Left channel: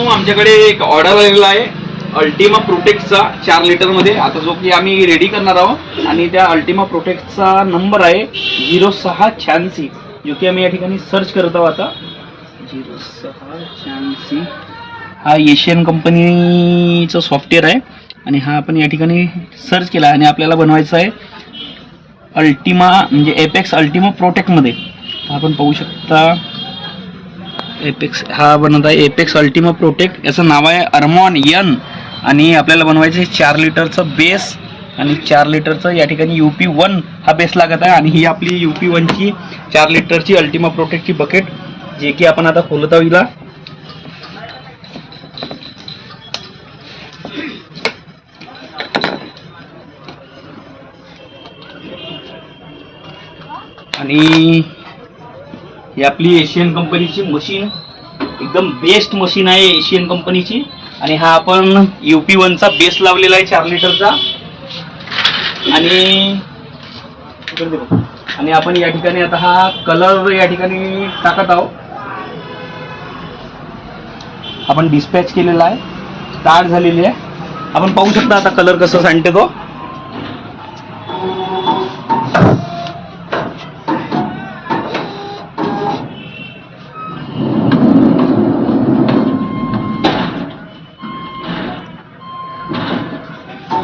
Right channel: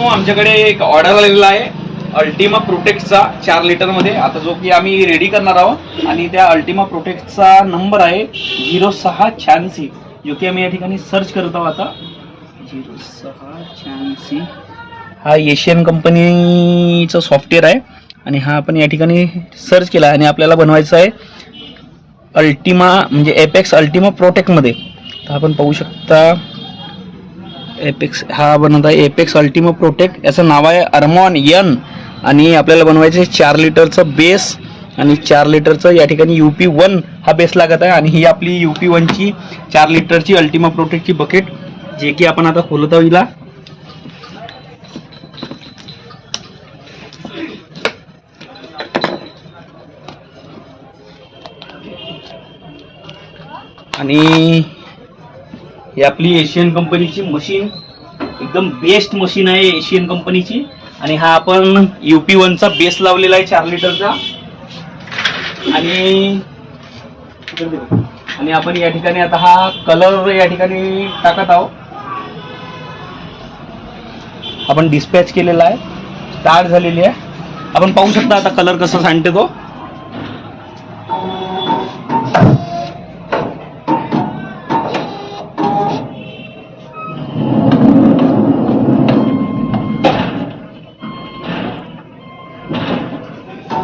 आमच्याकडे एक ऑर्डर आलेला आहे अल्टिमा प्रोटेक्टचा 4 लिटर मध्ये, आता जो की आम्ही रेडी करणार आहोत. आणि त्या अल्टिमा प्रोटेक्टचा नंबर आहे 0686, जो की आम्ही या ठिकाणी सर्च करत आहोत. आता 0686 हा एशियन कंपनीचं सॉफ्टवेअर आहे आणि हा आपण या ठिकाणी सर्च केला आणि आपल्याला बनवायचा आहे अल्टिमा म्हणजे एपेक्स अल्टिमा प्रोटेक्टमध्ये. तर आपण पाहू शकता एपेक्स हा बनवत आहे एपेक्स अल्टिमा प्रोटेक्ट, याचं नाव आहे अरमॉन यन. आणि आपल्याला बनवायचं आहे 4 लिटरचं बेस आणि 4 लिटरचं या ठिकाणी UP1 हा बेस लागत आहे. आणि ही आपली UP1ची 4 लिटरची अल्टिमा प्रोटेक्टची बकेट, जे की आपण आता खोलत आहोत हिला. आणि ही आपली एशियन कंपनीची मशीन, एकदम बेस्ट मशीन आहे एशियन कंपनीची. आणि हा आपण UP1चा बेस लावलेला आहे 4 लिटरचा. आणि आपण या ठिकाणी आता हा कलर या ठिकाणी टाकत आहोत. आपण डिस्पॅच केलेला आहे, स्टार्ट झालेली आहे. आपण पाहू शकता आता कलर कसं सांगते तो.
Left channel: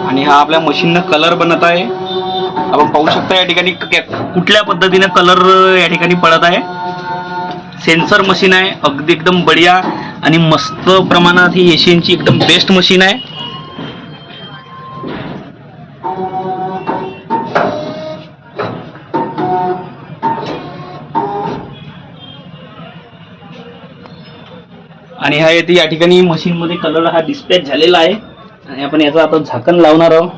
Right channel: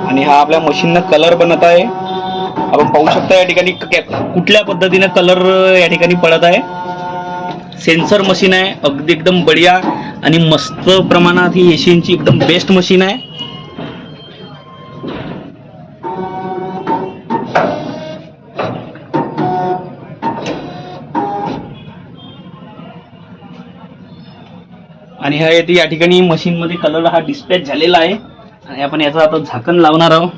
आणि हा आपल्या मशीननं कलर बनत आहे. आपण पाहू शकता या ठिकाणी कुठल्या पद्धतीने कलर या ठिकाणी पडत आहे. सेन्सर मशीन आहे, अगदी एकदम बढिया आणि मस्त प्रमाणात ही एशियनची एकदम बेस्ट मशीन आहे. आणि हा येते या ठिकाणी मशीन मध्ये कलर हा डिस्पॅच झालेला आहे. आणि आपण याचं आता झाकण लावणार आहोत.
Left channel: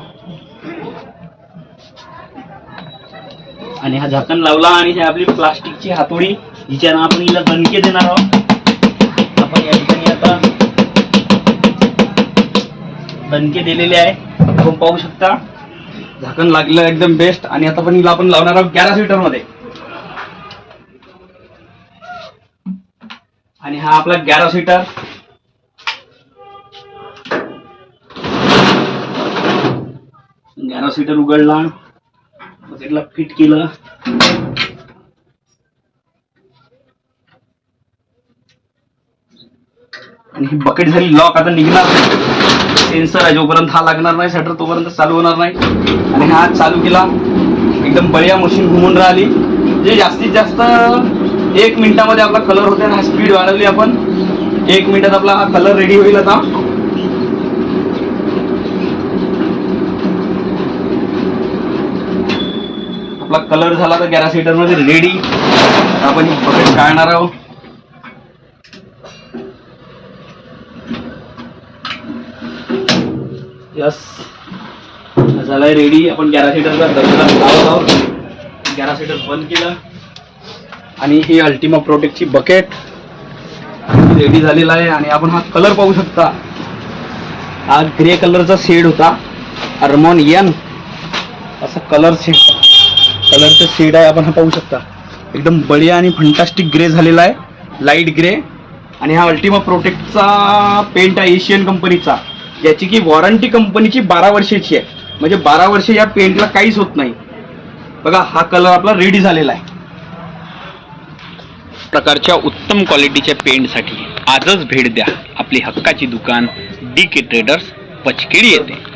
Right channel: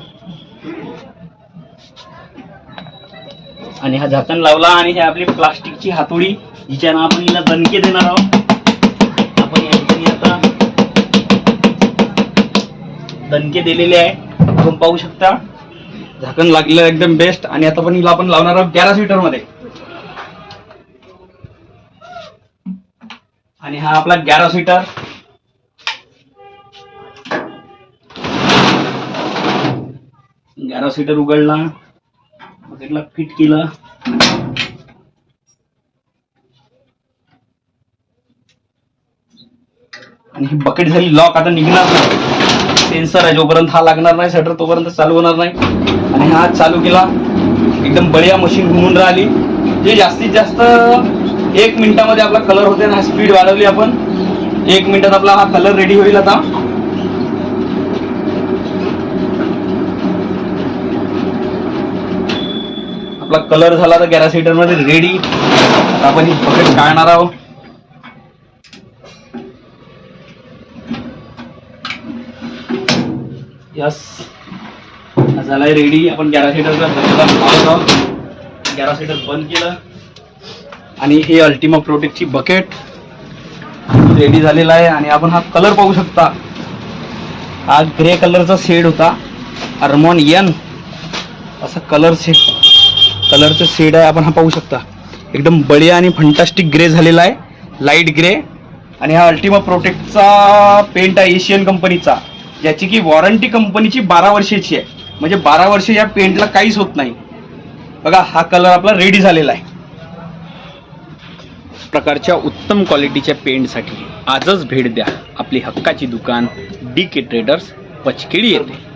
आणि हा झाकण लावला आणि ही आपली प्लास्टिकची हातोडी, हिच्यानं आपण हिला दणके देणार आहोत. आपण या ठिकाणी आता दणके दिलेले आहे, आपण पाहू शकता. झाकण लागलेलं एकदम बेस्ट. आणि आता पण हिला आपण लावणार आहोत 11 सीटर मध्ये. आणि हा आपला 11 सीटर. सीटर उघडला, बकेटला फिट केलं. आणि ही बकेट झाली लॉक. आता निघणार सेन्सर आहे, जोपर्यंत हा लागणार नाही शटर तोपर्यंत चालू होणार नाही. आणि हा चालू केला, एकदम बढिया मशीन घुमून राहिली. जे जास्तीत जास्त 1 मिनिटामध्ये आपला कलर होते ना, स्पीड वाढवली आपण. 1 मिनिटात आपला हा कलर रेडी होईल. आता आपला कलर झाला तर 11 सीटर मध्ये रेडी. आपण ही बकेट काढणार आहोत. यस, झालाय रेडी. आपण 11 सीटरचा दरवाजा लावत आहोत. 11 सीटर बंद केलं आणि ही अल्टिमा प्रोटेक्टची बकेट रेडी झालेला आहे. आणि आपण हा कलर पाहू शकता, हा ग्रे कलरचा शेड होता, अरमॉन यन असं कलरचं शेड आहे. आपण हा पाहू शकता, एकदम बढिया आणि फंटास्टिक ग्रे झालेला आहे, लाईट ग्रे. आणि हा अल्टिमा प्रोटेक्टचा पेंट आहे एशियन कंपनीचा, याची की वॉरंटी कंपनीची 12 वर्षाची आहे. म्हणजे 12 वर्ष या पेंटला काहीच होत नाही. बघा, हा कलर आपला रेडी झालेला आहे. प्रकारच्या उत्तम क्वालिटीच्या पेंटसाठी आजच भेट द्या आपली हक्काची दुकान DK ट्रेडर्स, पचकेडी येथे.